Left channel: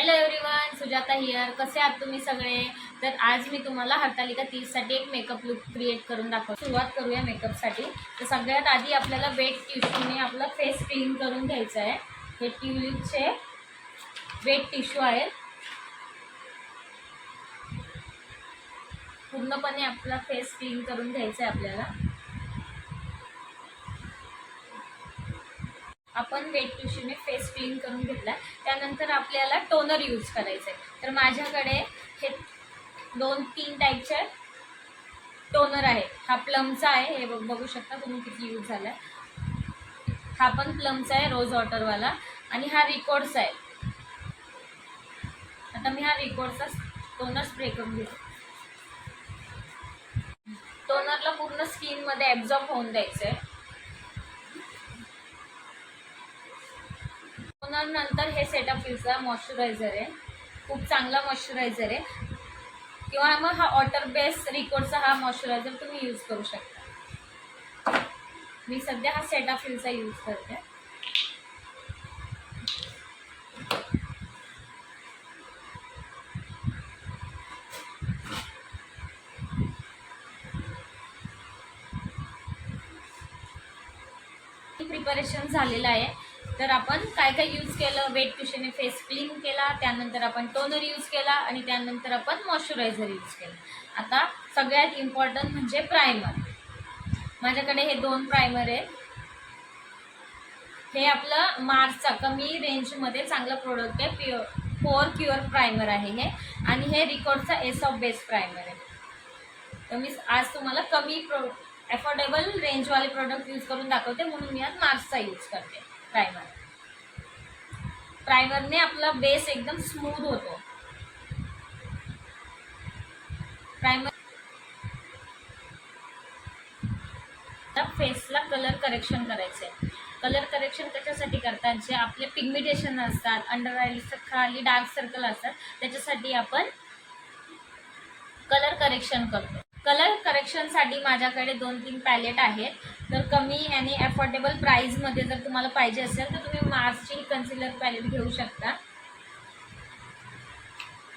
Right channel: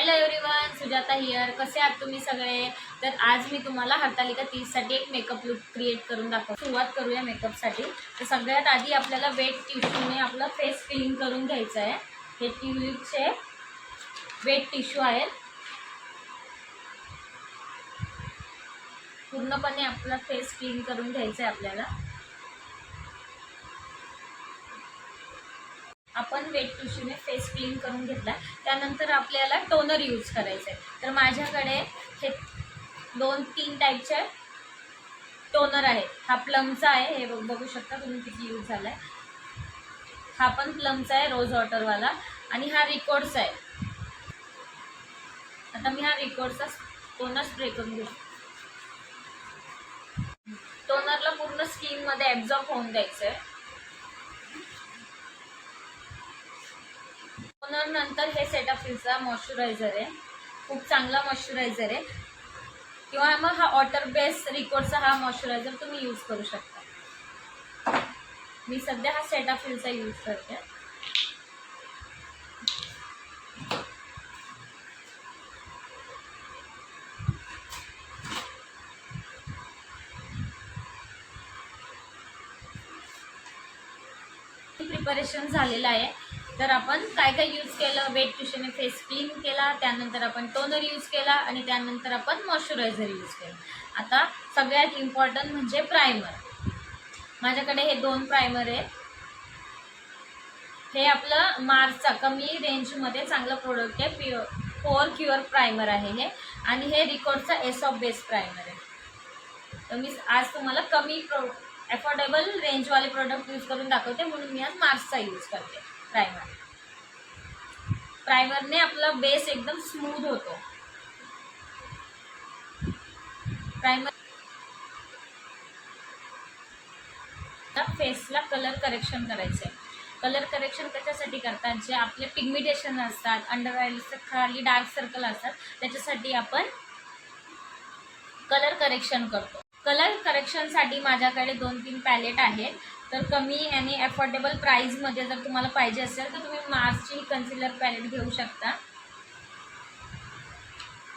Hello everyone, Sujata here. कसे आहात तुम्ही सगळे? तर आज मी तुम्हाला हरतालिका 30 साठी एक मेकअप लुक क्रिएट करून दाखवतो. सुरुवात करूया मेकअपसाठी. तर सगळ्यात आधी आपल्याला वेट टिश्यूने आपला फेस क्लीन करून घ्यायचा आहे. हे ट्युलिपचे वेट टिश्यू आहेत. पूर्णपणे आपला फेस क्लीन करून घ्यायचा आहे आपल्याला. आपण वेट टिश्यूने फेस क्लीन करून घेतला. त्यानंतर आपल्याला टोनर यूज करायचं आहे. तर माझ्याकडे हे 2-3 टाईपचे टोनर आहे. हा प्लमचा आहे, हे बघू शकता तुम्ही किती यूज झाला आहे. हा पण प्लमचा आहे, रोज वॉटरवाला. आणि हा रिकॉर्डचा आहे. आता मी हा रिकॉर्डचा टोनर स्प्रे करून घेतो. टोनरला पूर्ण स्किनमध्ये ॲब्झॉर्ब होऊन द्यायचं आहे. टोनर नंतर हे सेटाफिलचा मॉइश्चरायझर आहे. खूप चांगला मॉइश्चरायझर आहे. किंवा मग हा वॉटर बेस रिकॉर्डचा हा मॉइश्चरायझर तुम्ही यूज करू शकता. मी सध्या हा सेटाफिलचा यूज करते. प्रिपरेशन झालेलं आहे. तर आपण काय काय यूज केलं? वेट टिश्यूने फेस क्लीन केला, त्यानंतर आपण टोनर यूज केला आणि त्यानंतर आपण मॉइश्चरायझर यूज केलं. आता सगळ्यात इम्पॉर्टंट म्हणजे प्रायमर. माझ्याकडे हे 2 प्रायमर आहे. हे आपलं मार्सचा कमी रेंजमध्ये चांगलं प्रोडक्ट आहे. पोअर क्युअर प्रायमर आहे हे. आणि हे रिकॉर्डचा एस ऑफ बेस प्रायमर आहे. तर मी आज तुम्हाला कमी अफोर्डेबल रेंजवाले प्रोडक्ट यूज करून दाखवते, म्हणून मी आज मार्सचा यूज करते प्रायमर. प्रायमरने आपला बेस एकदम स्मूथ होतो. प्रायमर फेसला कलर करेक्शन करायचं आहे. कलर करेक्शन कशासाठी करतात? जे आपले पिगमेंटेशन असतात, अंडर आयच्या खाली डार्क सर्कल असतात, त्याच्यासाठी आपण कलर करेक्शन करतो. कलर करेक्शनसाठी माझ्याकडे 2-3 पॅलेट आहेत. तर कमी आणि अफोर्डेबल प्राईजमध्ये जर तुम्हाला पाहिजे असेल तर तुम्ही मार्सची कन्सिलर पॅलेट घेऊ शकता.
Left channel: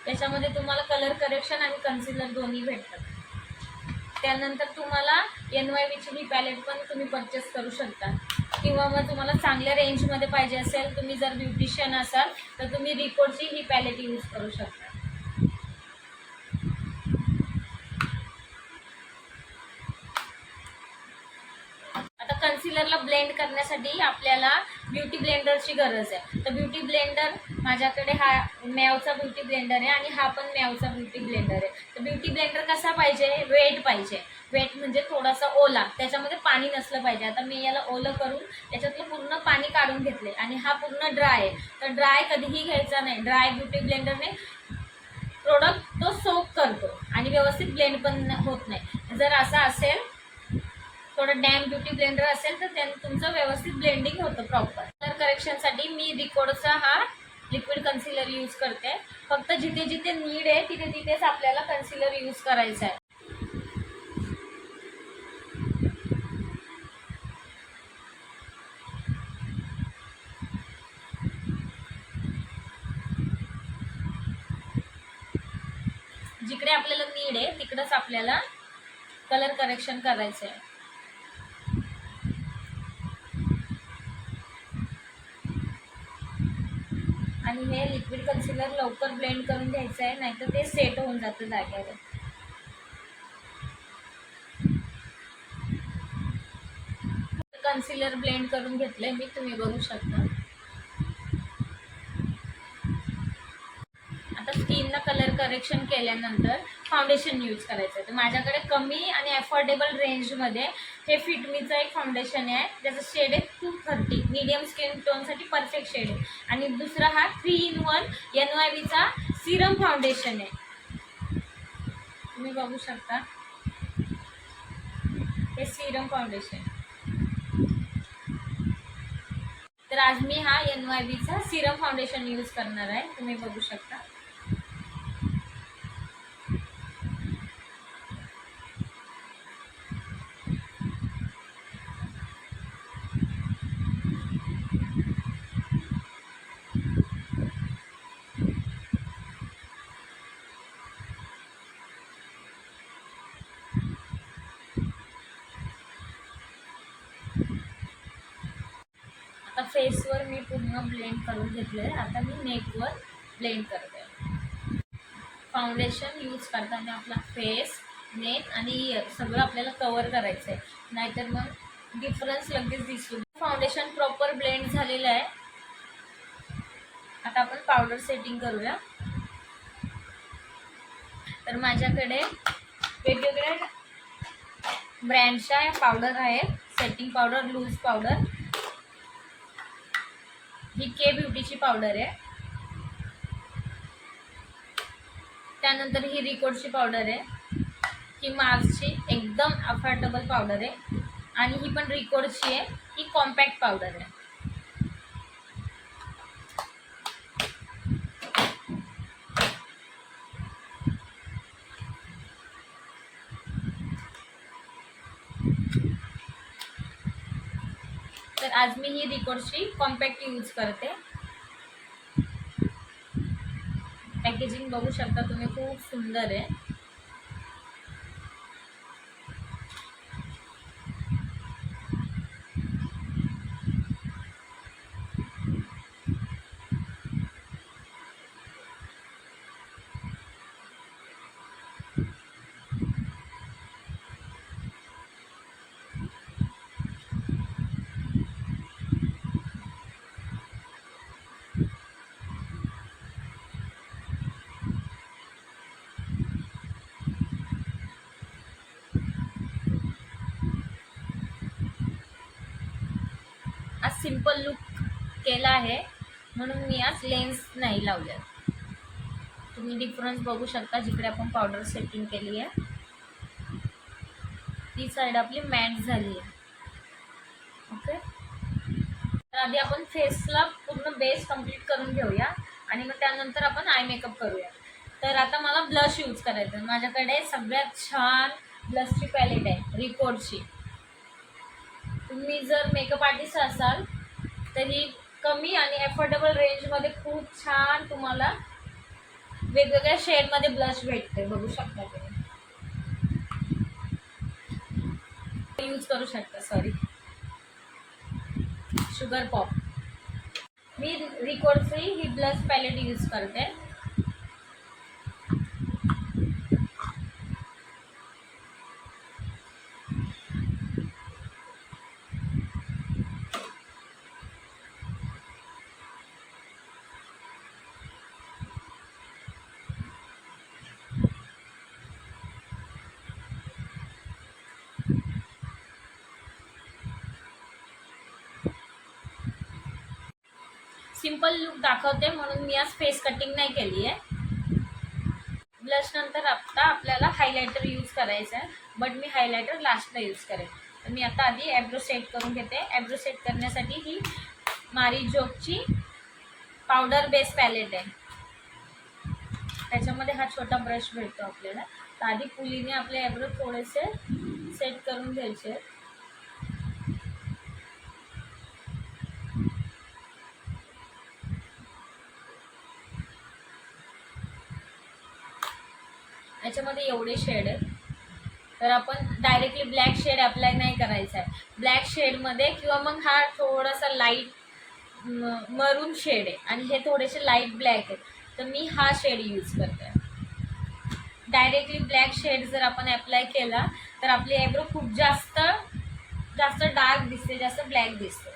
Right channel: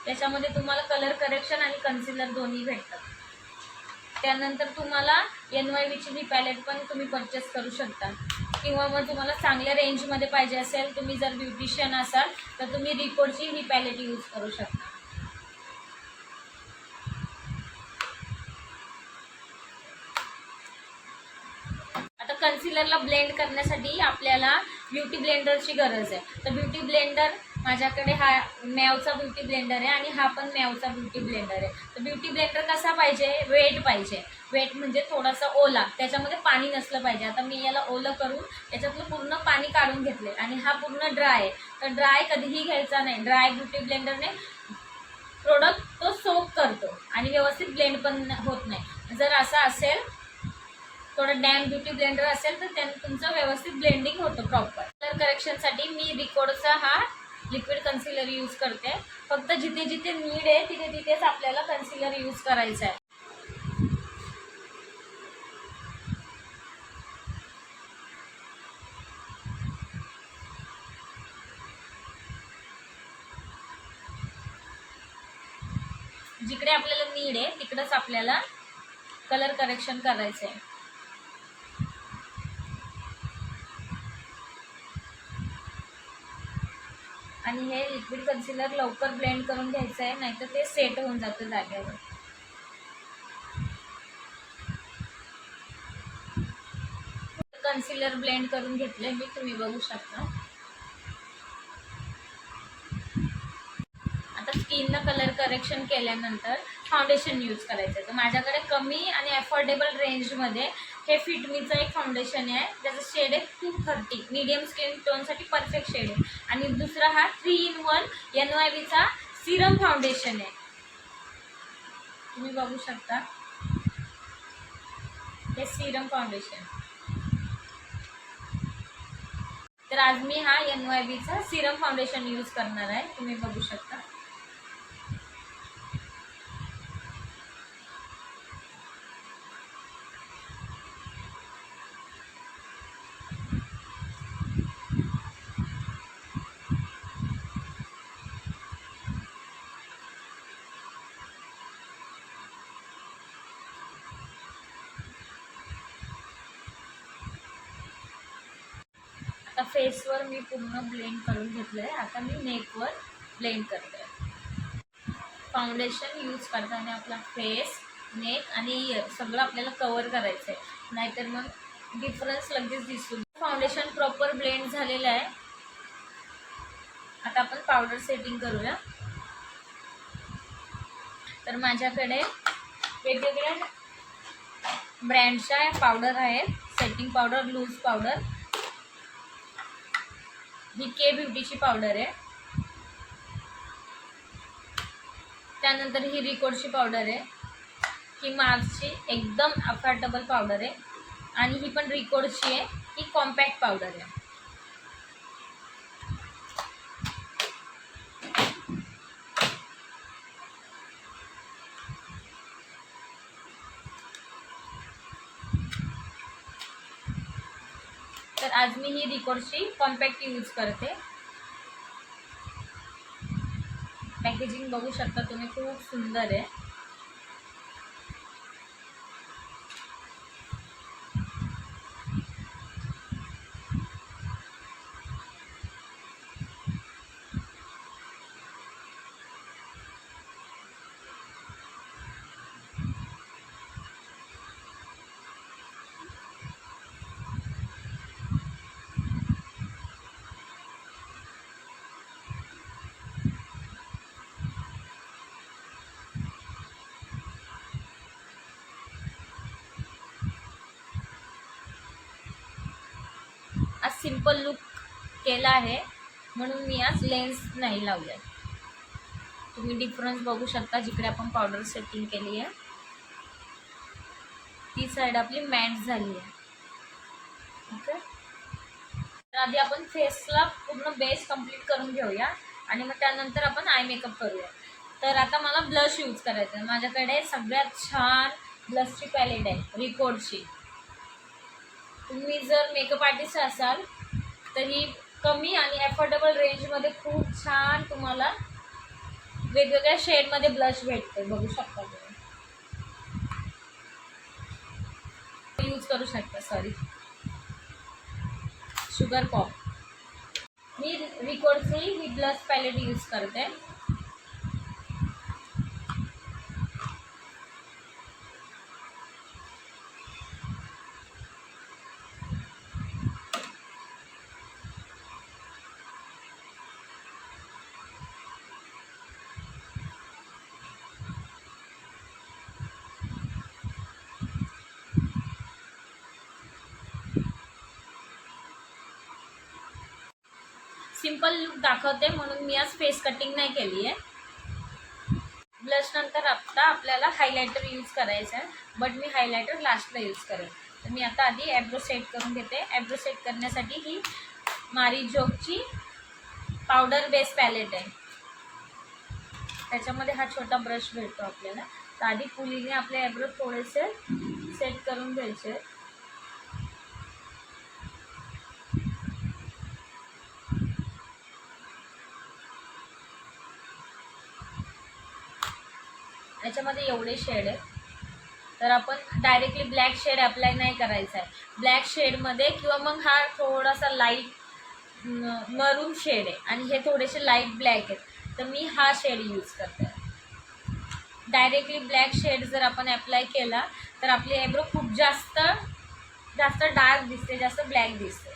त्याच्यामध्ये तुम्हाला कलर करेक्शन आणि कन्सिलर दोन्ही भेटतात. त्यानंतर तुम्हाला NYVची ही पॅलेट पण तुम्ही परचेस करू शकता. किंवा मग तुम्हाला चांगल्या रेंजमध्ये पाहिजे असेल, तुम्ही जर ब्युटिशियन असाल तर तुम्ही रिकॉर्डची ही पॅलेट यूज करू शकता. आता कन्सिलरला ब्लेंड करण्यासाठी आपल्याला ब्युटी ब्लेंडरची गरज आहे. तर ब्युटी ब्लेंडर माझ्याकडे हा मॅवचा ब्युटी ब्लेंडर आहे आणि हा पण मॅवचा ब्युटी ब्लेंडर आहे. तर ब्युटी ब्लेंडर कसा पाहिजे? वेट पाहिजे. वेट म्हणजे थोडासा ओला, त्याच्यामध्ये पाणी नसलं पाहिजे. आता मी याला ओलं करून त्याच्यातलं पूर्ण पाणी काढून घेतले आणि हा पूर्ण ड्राय आहे. तर ड्राय कधीही घ्यायचा नाही. ड्राय ब्युटी ब्लेंडरने प्रोडक्ट तो सोक करतो आणि व्यवस्थित ब्लेंड पण होत नाही. जर असा असेल, थोडं डॅम ब्युटी ब्लेंडर असेल तर त्याने तुमचं व्यवस्थित ब्लेंडिंग होतं प्रॉपर. कलर करेक्शनसाठी मी रिकॉर्डचा हा लिक्विड कन्सिलर यूज करते. फक्त जिथे जिथे नीड आहे तिथे तिथेच आपल्याला कन्सिलर यूज करायचं आहे. जिकडे आपल्याला नीड आहे तिकडंच आपल्याला कलर करेक्शन करायचं आहे. आणि हे लिक्विड कन्सिलर लवकर ब्लेंड करून घ्यायचं आहे, नाहीतर ते सेट होऊन जातं जाग्यावर. कन्सिलर ब्लेंड करून घेतलंय मी, तुम्ही बघू शकता. आता स्किनला कलर करेक्शन केल्यानंतर फाउंडेशन यूज करायचं आहे. तर माझ्याकडे कमी आणि अफोर्डेबल रेंजमध्ये हे फिटमीचं एक फाउंडेशन आहे. त्याचं शेड आहे 230. मीडियम स्किन टोनसाठी परफेक्ट शेड आहे. आणि दुसरा हा 3-in-1 NYVचा सिरम फाउंडेशन आहे. तुम्ही बघू शकता, हे सिरम फाउंडेशन. तर आज मी हा NYVचा सिरम फाउंडेशन यूज करणार आहे. तुम्ही बघू शकता. फेसवर मी पूर्ण ब्लेंड करून घेतलं आहे. आता मी नेकवर ब्लेंड करते. फाउंडेशन यूज करताना आपला फेस, नेक आणि इयर सगळं आपल्याला कवर करायचं आहे, नाहीतर मग डिफरन्स लगेच दिसतो. फाउंडेशन प्रॉपर ब्लेंड झालेलं आहे. आता आपण पावडर सेटिंग करूया. तर माझ्याकडे वेगवेगळ्या ब्रँडच्या पावडर आहेत. सेटिंग पावडर, लूज पावडर, ही के ब्युटीची पावडर आहे. त्यानंतर ही रिकोडची पावडर आहे. ही मार्सची एकदम अफोर्डेबल पावडर आहे. आणि ही पण रिकोडची आहे. ही कॉम्पॅक्ट पावडर आहे. तर आज मी ही रिकोडची कॉम्पॅक्ट यूज करते. पॅकेजिंग बघू शकता तुम्ही, खूप सुंदर आहे. आज सिंपल लुक केला आहे म्हणून मी आज लेन्स नाही लावले. तुम्ही डिफरन्स बघू शकता. जिकडे आपण पावडर सेटिंग केली आहे ती साईड आपली मॅट झाली आहे. ओके, तर आधी आपण फेसला पूर्ण बेस कंप्लीट करून घेऊया आणि मग त्यानंतर आपण आय मेकअप करूया. तर आता मला ब्लश यूज करायचं आहे. माझ्याकडे सगळ्यात छान ब्लशची पॅलेट आहे रिकोडची. तुम्ही जर मेकअप आर्टिस्ट असाल तर ही कमी आणि अफोर्डेबल रेंजमध्ये खूप छान तुम्हाला वेगवेगळ्या शेडमध्ये ब्लश भेटते. बघू शकता तुम्ही यूज करू शकता. Sorry, sugar pop. मी रिकोडची ही ब्लश पॅलेट यूज करते. सिंपल लुक दाखवते म्हणून मी आज फेस कटिंग नाही केली आहे. ब्लश नंतर आता आपल्याला हायलायटर यूज करायचं आहे, बट मी हायलायटर लास्टला यूज करेन. तर मी आता आधी ॲब्रो सेट करून घेते. ॲब्रो सेट करण्यासाठी ही मारिजोकची पावडर बेस पॅलेट आहे. त्याच्यामध्ये हा छोटा ब्रश भेटतो आपल्याला. तर आधी पुलीने आपले ॲब्रो थोडेसे सेट करून घ्यायचे. याच्यामध्ये एवढे शेड आहेत. तर आपण डायरेक्टली ब्लॅक शेड अप्लाय नाही करायचा आहे. ब्लॅक शेडमध्ये किंवा मग हा थोडासा लाईट मरून शेड आहे आणि हे थोडेसे लाईट ब्लॅक आहेत, तर मी हा शेड यूज करते. डायरेक्टली ब्लॅक शेड जर आपण अप्लाय केला तर आपली आयब्रो खूप जास्त डार्क दिसते, जास्त ब्लॅक दिसते.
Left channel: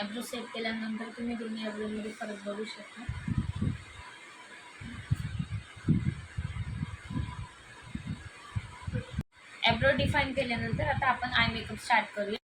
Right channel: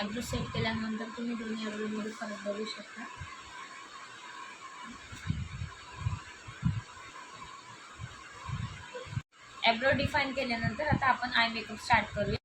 ॲब्रो सेट केल्यानंतर तुम्ही दोन्ही ॲब्रोमध्ये फरक बघू शकता. ॲब्रो डिफाईन केल्यानंतर आता आपण आय मेकअप स्टार्ट करूया.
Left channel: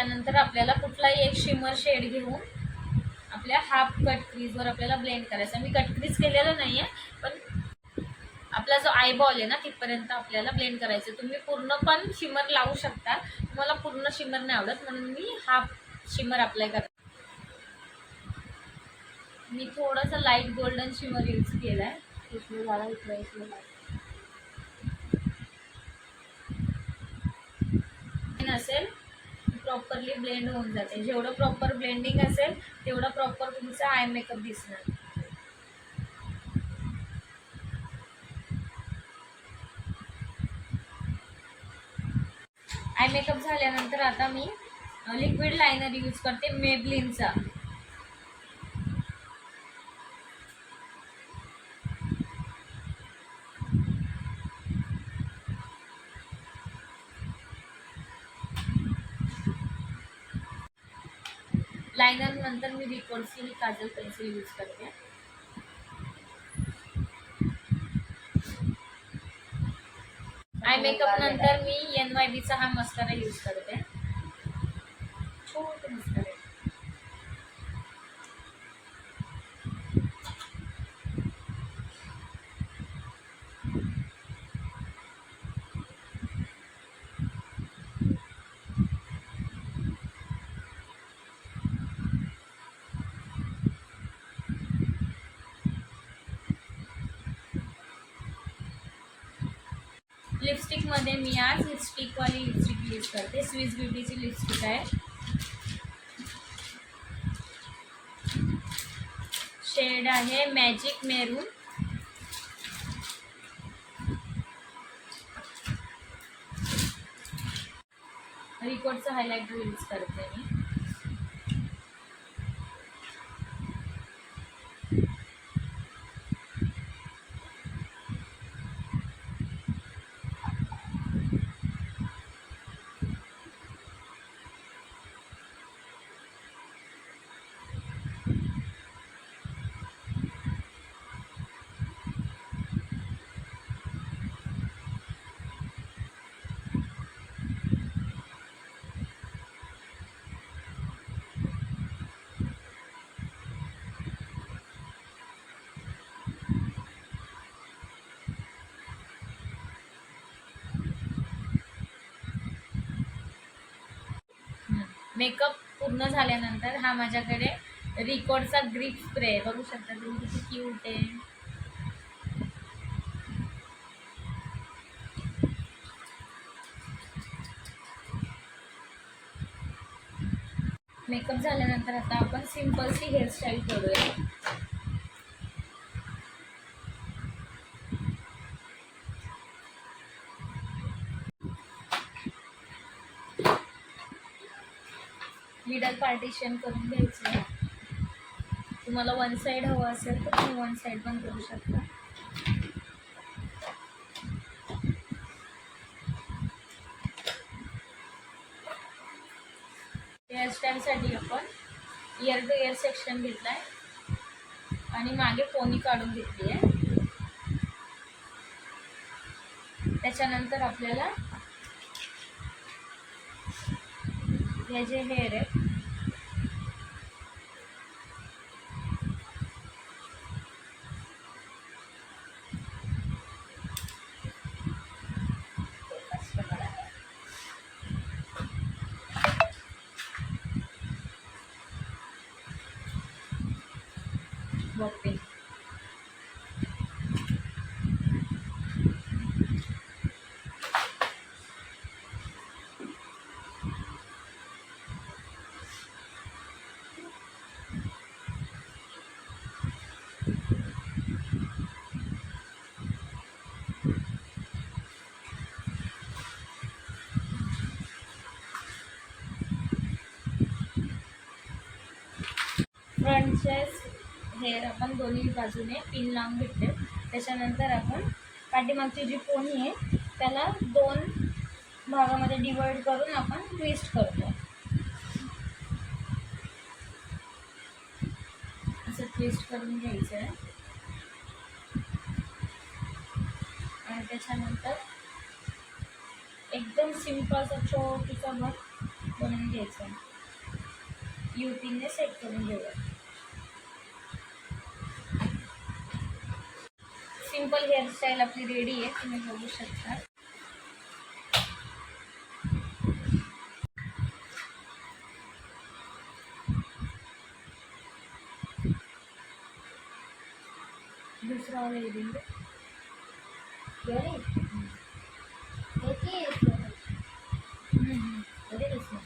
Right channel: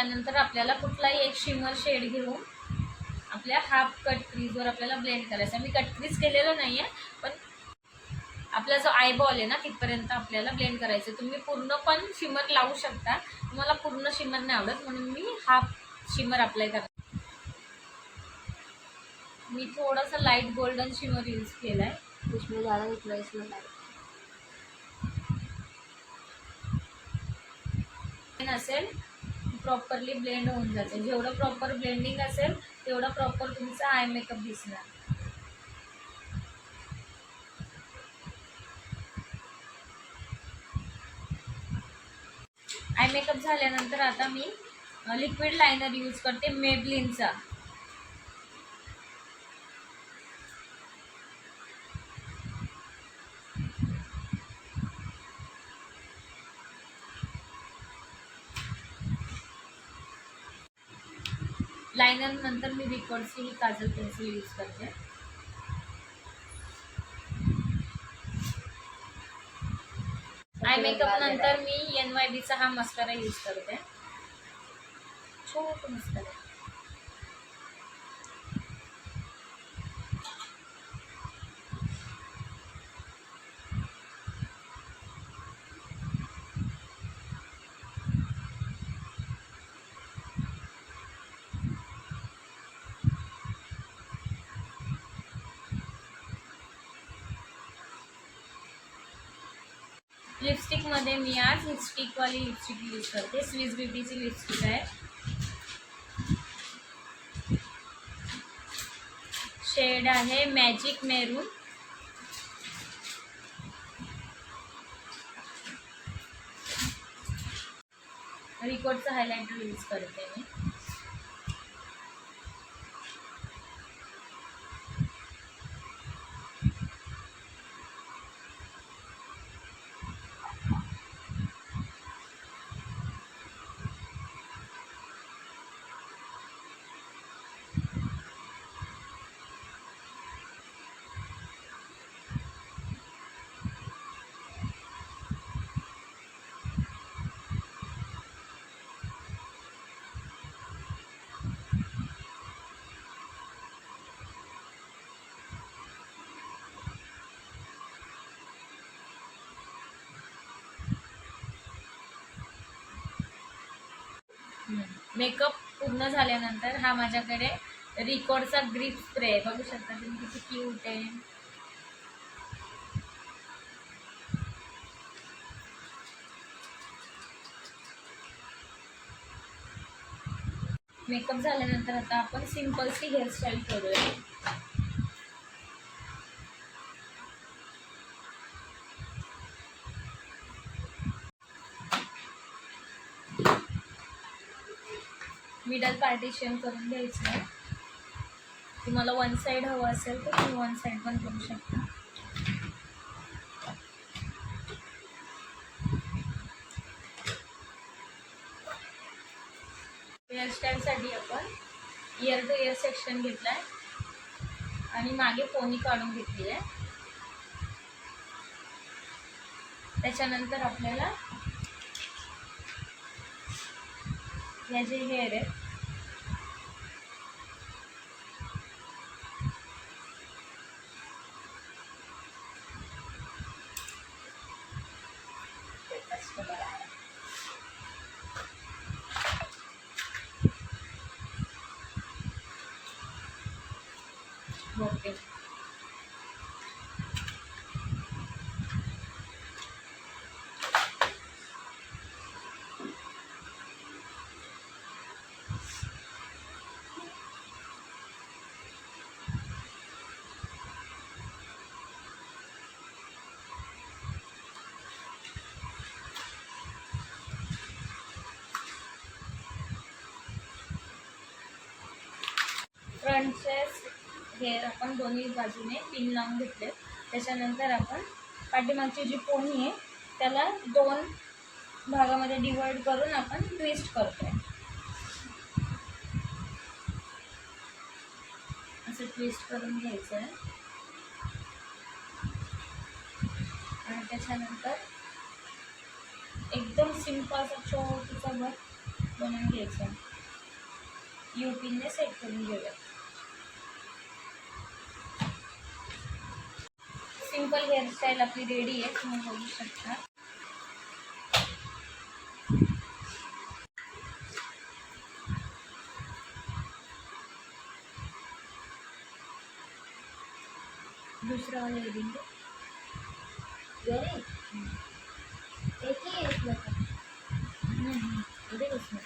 त्यानंतर आपल्याला कुठलाही एक शिमर शेड घेऊन आपल्या हाफ कट क्रीजवर आपल्याला ब्लेंड करायचं आहे. मी कट क्रीज केलेलं नाही आहे, पण आपला जो आयबॉल आहे ना तिथपर्यंत आपल्याला ब्लेंड करायचं. तुम्ही पूर्ण पण शिमर लावू शकता, तुम्हाला पूर्ण शिमर नाही आवडत म्हणून मी हाफ शिमर अप्लाय करते. मी थोडासा लाईट गोल्डन शिमर यूज केला आहे, उसमें ज़्यादा उतना इसमें असेल प्रॉपरली ब्लेंड होऊन जाते. जेवढं प्रॉपर ब्लेंडिंग असेल तेवढं प्रॉपर तुमचा आय मेकअप दिसणार. आय मेकअप झाल्यानंतर आता मी लिक्विड लायनर यूज करते मेबलिनचा. लायनर नंतर मी रिकॉर्डची ही काजल पेन्सिल यूज करते. आय मेकअप नंतर मी NYBचा हा मस्कारा यूज करते, छोटा मस्कारा. लिपस्टिकमध्ये मी आज ही स्टिकवाली लिपस्टिक यूज करते. स्विस ब्युटीची लिपस्टिक आहे. शेड आहे मॅजिक मेरून. रिकॉर्डचं हायलायटर यूज करते मी. मेकअप पूर्ण झाल्यानंतर हा माझ्याकडे रिकॉर्डचा ग्रिप स्प्रे आहे. बघू शकता तुम्ही किती क्यूट आहे. मेकअप झाल्यानंतर आता आपण सिंपलची हेअरस्टाईल करूया. मिडल पार्टिशन करून घ्यायचं आहे. तुम्हाला वन साईड हवं असेल तर तुम्ही वन साईड पण करू शकता. हेअरस्टाईलसाठी आपण इयर टू इयर सेक्शन घेतला आहे आणि मागे पोनी काढून घेतली आहे. त्याच्यानंतर आपल्याला या जे हेअर आहे बघते. फ्रंटचे हेअर आपण दोन्ही बाजूने पिन लावून घेतले. त्याच्यानंतर आपण पाठीमागची जी पोनी आहे त्याला दोन भागामध्ये डिवाइड करून आपण ट्विस्ट करतो आहे. असं ट्विस्ट करून घ्यायचं आहे आणि त्याच्यानंतर एकदम सिंपल असा छोटीचा भर बनवून घ्यायचं. युपीने सेट करून घेऊया. सिंपल हेअरस्टाईल आपली रेडी आहे, तुम्ही बघू शकता. दूसरा वाला ये देंगे. एक ही है इसमें. अरे इसमें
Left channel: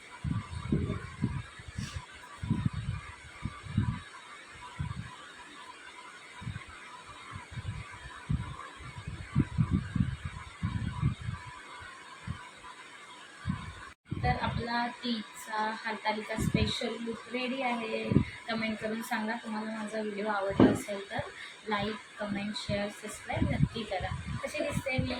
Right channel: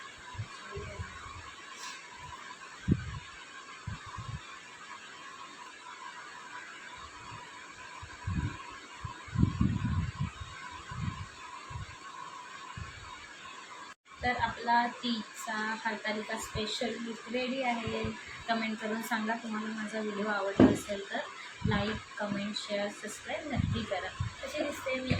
तर आपला तीजचा हरतालिका स्पेशल लुक रेडी आहे. कमेंट करून सांगा तुम्हाला माझा व्हिडिओ आवडला असेल तर. लाईक, कमेंट, शेअर, सबस्क्राईब नक्की करा. कशी दिसते मी?